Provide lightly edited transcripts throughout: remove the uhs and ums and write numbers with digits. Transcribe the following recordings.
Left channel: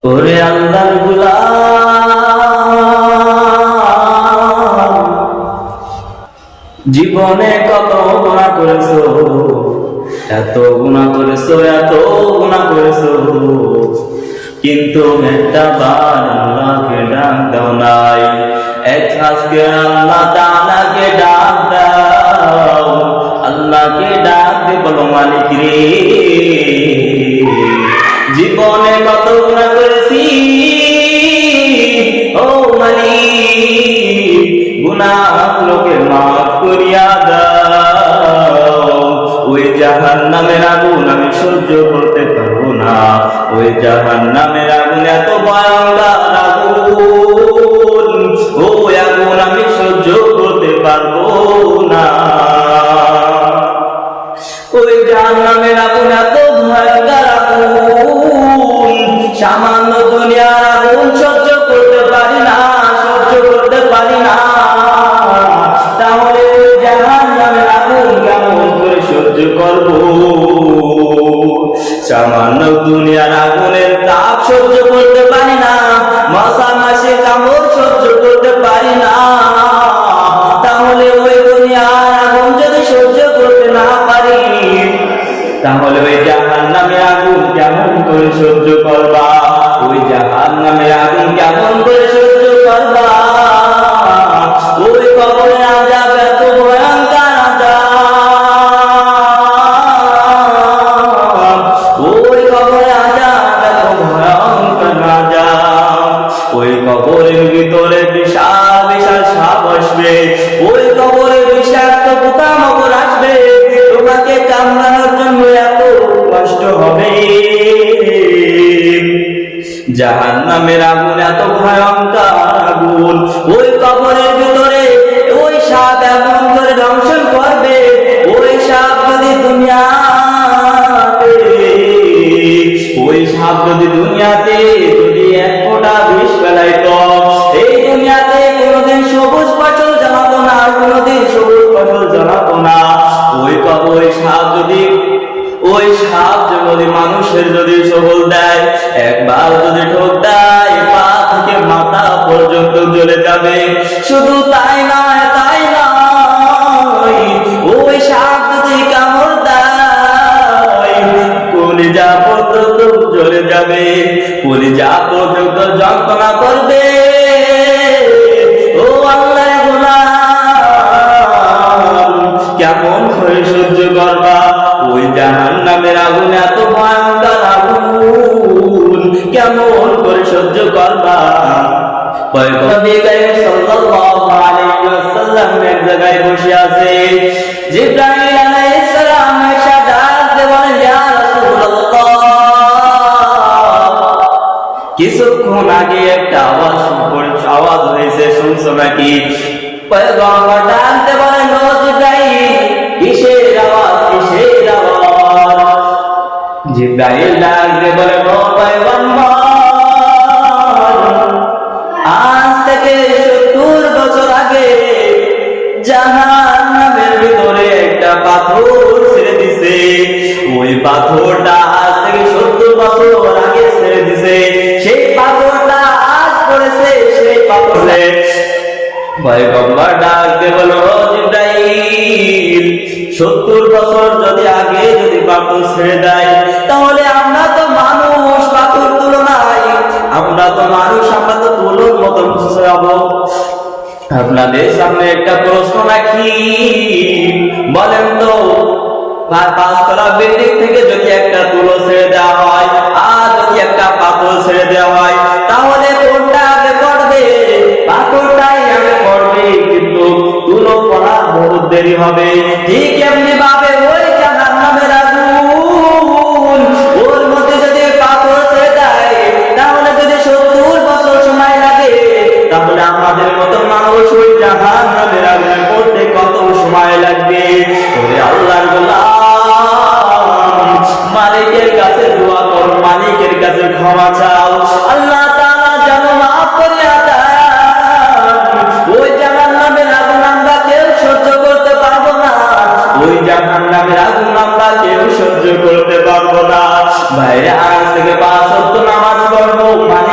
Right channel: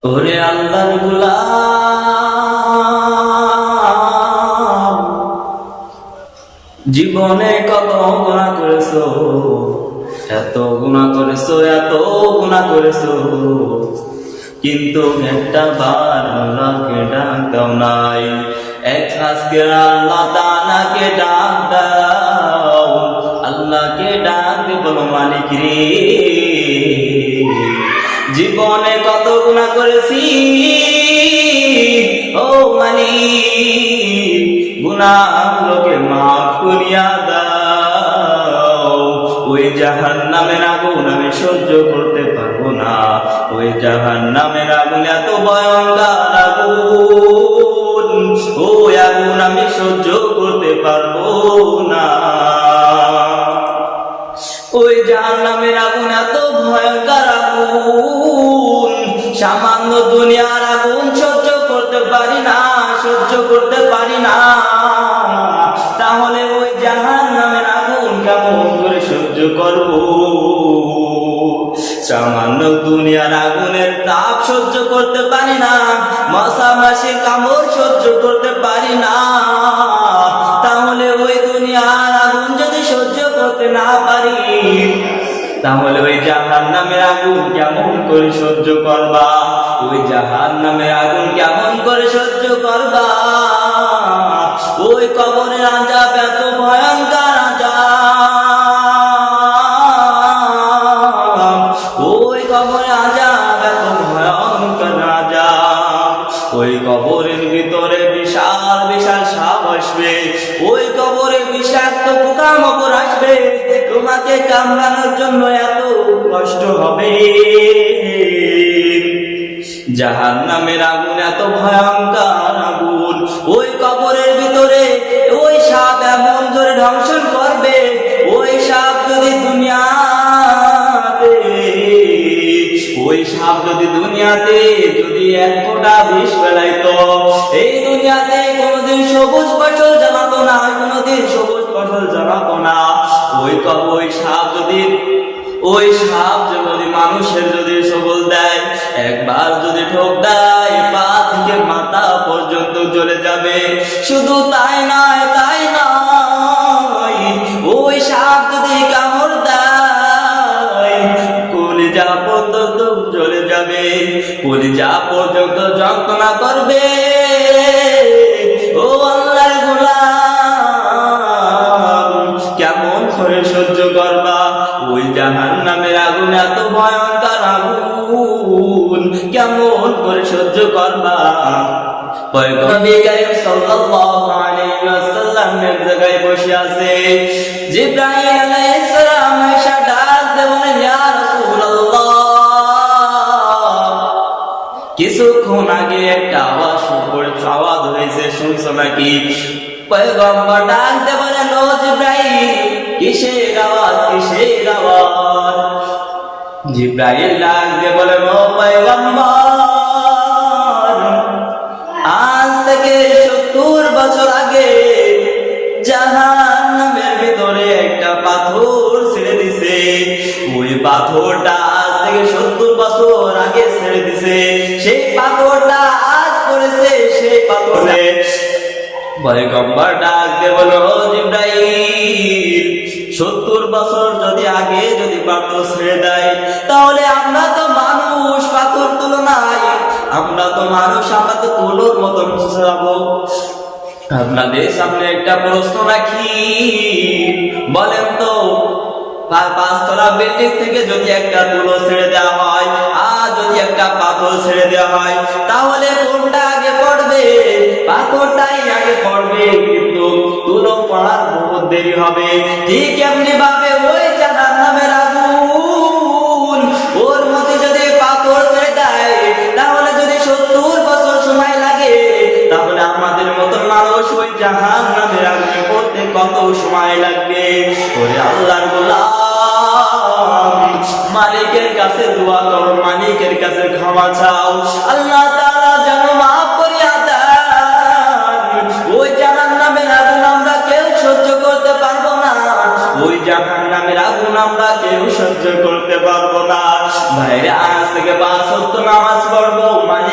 ওরে আল্লাহর গোলাম, জীবনে কত গুনাহ করেছো, এত গুনাহ করেছো, এত গুনাহ করেছো, কিন্তু একটা বার আল্লাহকে ডাক দাও নাই। আজকে আল্লাহ তাআলাকে ডাক দাও, আল্লাহকে ডাক দিয়ে বলো, মালিক রে, জীবনে কত গুনাহ করেছি, ও মালিক, গুনাহগুলোকে মাফ করিয়া দাও। ওই জাহান্নামের আগুন আমি সহ্য করতে পারবো না, ওই জাহান্নামের আগুন এত ভয়ঙ্কর আগুন, ওই আগুন আমি সহ্য করতে পারবো না। ওই জাহান্নামের আগুন এত ভয়ঙ্কর আগুন, সামান্য দুনিয়ার আগুন সহ্য করতে পারি না, সহ্য করতে পারি না। তাহলে ওই জাহান্নামের আগুন কেমন করে সহ্য করব? সামান্য দুনিয়ার আগুনের তাপ সহ্য করতে পারি না, মশা মাসির কামড় সহ্য করতে পারি না। তাহলে ওই দুনিয়ার আগুন যদি সহ্য করতে না পারি, তাহলে ওই জাহান্নামের আগুন কেমন করে সহ্য করবা? ওই জাহান্নামের আগুন কেমন করে সহ্য করবা? ওই কবরের আযাব এত ভয়ঙ্কর আযাব, ওই কবরের আযাব এত ভয়ঙ্কর আযাব। ওই কবরের ভিতরে বিশাল বিশাল সাপ আসবে, ওই কবরের বিষাক্ত পোকামাকড় আসবে, তোমাকে কামড়ানোর জন্য এত কষ্ট হবে। জাহান্নামের আগুন এত ভয়ঙ্কর আগুন, ওই কবরের ভিতরে ওই সাপ এমন করে ধ্বংসন করবে, ওই সাপ যদি দুনিয়াতে, ওই সাপ যদি দুনিয়াতে যদি এক ফোঁটা বিষ ফেলাইতো, এই দুনিয়াতে কোনোদিন সবুজ ফসল জানাতো না, কোনোদিন সবুজ ফসল জানাতো না। ওই সাপ যদি, ওই সাপ যদি মানুষের যদি সবল দেয়, একবার যদি ঠোক দেয়, পা থেকে মাথা পর্যন্ত জ্বলে যাবে। শুধু তাই নয়, তাই নয়, ওই সাপ যদি কামড় দেয়, কলিজা পর্যন্ত জ্বলে যাবে, কলিজা পর্যন্ত যন্ত্রণা করবে। ও আল্লাহর গোলাম, কেমন করে সহ্য করবা? ওই জাহান্নামের আগুন এত ভয়ঙ্কর আগুন, কেমন করে সহ্য করবা? পয়গম্বর কারীম সাল্লাল্লাহু আলাইহি ওয়াসাল্লাম এক জায়গায় বসে আছে, জিবরাইল আলাইহিস সালাম এসে ডাক দিয়ে বলেন, ইয়া রাসূলুল্লাহ, কিছুক্ষণ আগে একটা আওয়াজ হয়েছে, শুনছো নাকি? পয়গম্বর ডাক দিয়ে বলেন, ও জিবরাইল, কিসের আওয়াজ, কিসের আওয়াজ? জিবরাইল ডাক দিয়ে বলেন, ও পয়গম্বর, আজ থেকে 70 বছর আগে জাহান্নামের ভিতরে একটা পাথর ছেড়ে দিছে, ওই পাথরটা আজ থেকে 70 বছর আগে ছেড়ে দিছে, সেই পাথরটা আজ পড়েছে, সেই পাথরে। পয়গম্বর ডাক দিয়ে বলো, ও জিবরাইল, 70 বছর যদি আগে যদি পাথর ছেড়ে দেয়, তাহলে আমরা তো মানুষ, পাথর তুলনায় আমরা তো মানুষ, আমরা তো তুলোর মতো হবো। আপনাদের সামনে একটা প্রশ্ন রাখি, বলেন তো, 5 তলা বিল্ডিং থেকে যদি একটা তুলো ছেড়ে দেওয়া হয়, আর যদি একটা পাথর ছেড়ে দেওয়া হয়, তাহলে কোনটা আগে পড়বে? পাথরটাই আগে পড়বে, কিন্তু তুলো পড়ার বহুত দেরি হবে। ঠিক এমনি ভাবে ওই জাহান্নামের আগুন, ওর মধ্যে যদি পাথর ছেড়ে দেয়, তাহলে যদি 70 বছর সময় লাগে, তাহলে আমাদের মতো মানুষ ওই জাহান্নামের আগুনে পড়তে কত সময় লাগবে? ওরে আল্লাহর গোলাম, মালিকের কাছে দোয়া করো, মালিকের কাছে ক্ষমা চাও, আল্লাহ তাআলা যেন মাফ করে দেন। ওই জাহান্নামের আগুন আমরা কেউ সহ্য করতে পারবো না, ওই জাহান্নামের আগুন আমরা কেউ সহ্য করতে পারবো না। বাইরে আজ থেকে 5 ওয়াক্ত নামাজ পড়বো।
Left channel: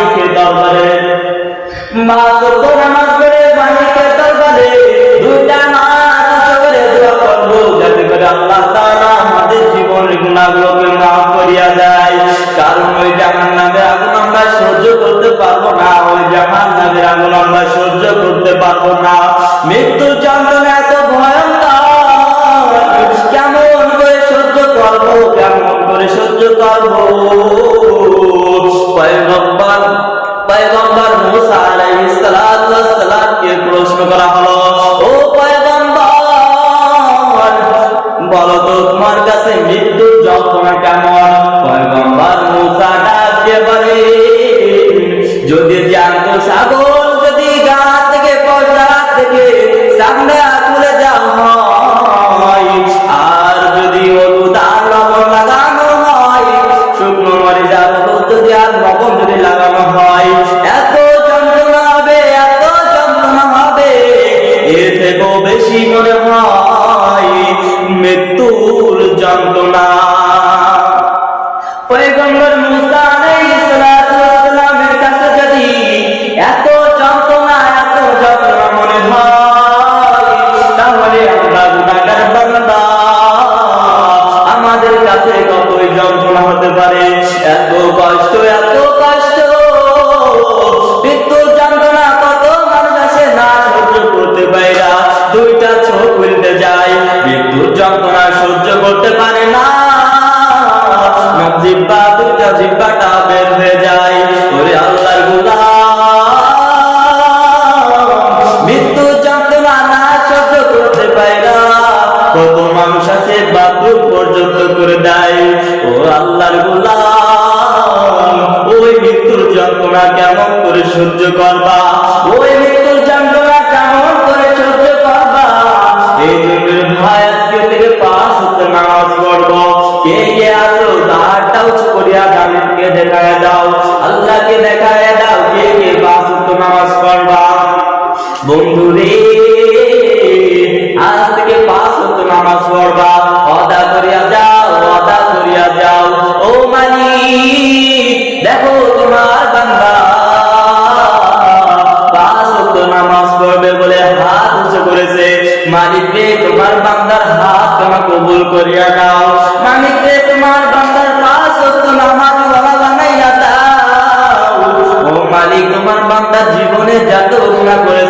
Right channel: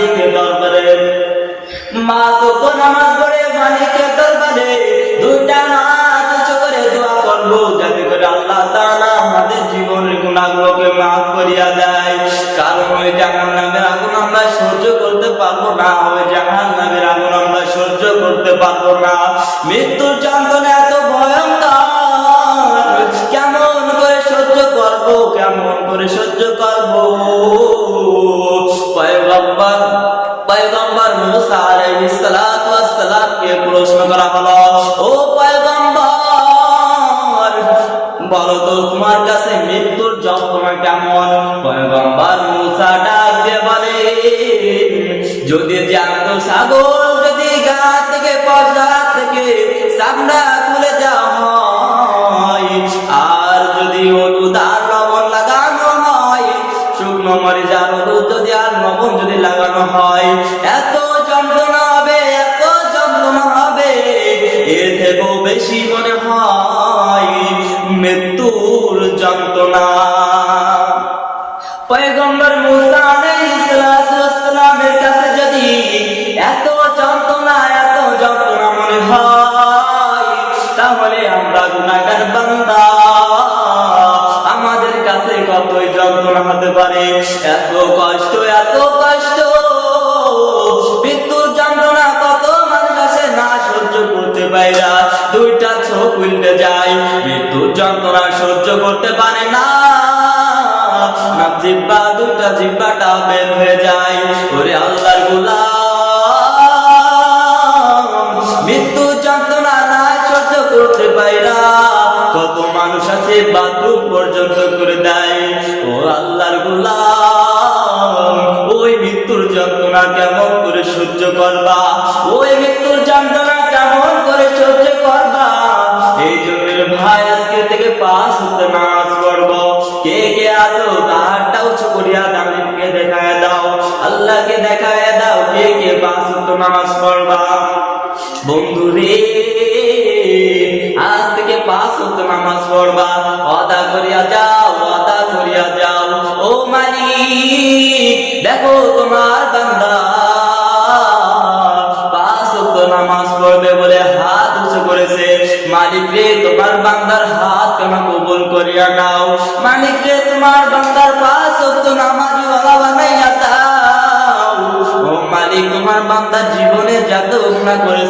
তার লবণ যদি লাগানো হয়, এত যন্ত্রণা হবে, এত যন্ত্রণা হবে, এর থেকেও বেশি মনে হয় মৃত্যুর যন্ত্রণা। পয়গম্বর মুসা আলাইহিস সালাতু ওয়াস সালামের কাছে যদি এত যন্ত্রণা মনে হয়, তাহলে আমরা গুনাহগার বান্দা, আমাদের কাছে কতই যন্ত্রণা হতে পারে। এত কষ্ট, এত কষ্ট, মৃত্যুর যন্ত্রণা কত মানুষ আছে না সহ্য করতে পারে না, দুইটা চোখ উল্টে যায়, মৃত্যুর যন্ত্রণা সহ্য করতে পারে না, জিহ্বা দুইটা জিহ্বাটা বের হয়ে যায়। ওরে আল্লাহর গোলাম, মৃত্যুর যন্ত্রণা না সহ্য করতে পারে না, কত মানুষ আছে বাথরুম পর্যন্ত করে দেয়। ও আল্লাহর গোলাম, ওই মৃত্যুর যন্ত্রণা কেমন করে সহ্য করবা, ওই মৃত্যুর যন্ত্রণা কেমন করে সহ্য করবা। এই জন্য ভাই আজকে থেকে 5 ওয়াক্ত নামাজ পড়বো। কে কে আসো হাতটা উঁচু করিয়া জানেনকে দেখায় দাও, আল্লাহকে দেখায় দাও, কে কে 5 ওয়াক্ত নামাজ পড়বা। বন্ধু রে, আজ থেকে 5 ওয়াক্ত নামাজ পড়বা, ওয়াদা করিয়া যাও, ওয়াদা করিয়া যাও। ও মালিক, দেখো তোমার বান্দা 5 ওয়াক্ত নামাজ পড়বে বলে হাত উঁচু করেছে। মালিক রে, তোমার বান্দার হাত তুমি কবুল করিয়া নাও। মালিক রে, তোমার বান্দার 5 ওয়াক্ত নামাজ ওয়ালা বানাইয়া দাও। ও মালিক, তোমার বান্দা জীবনে যত গুনাহ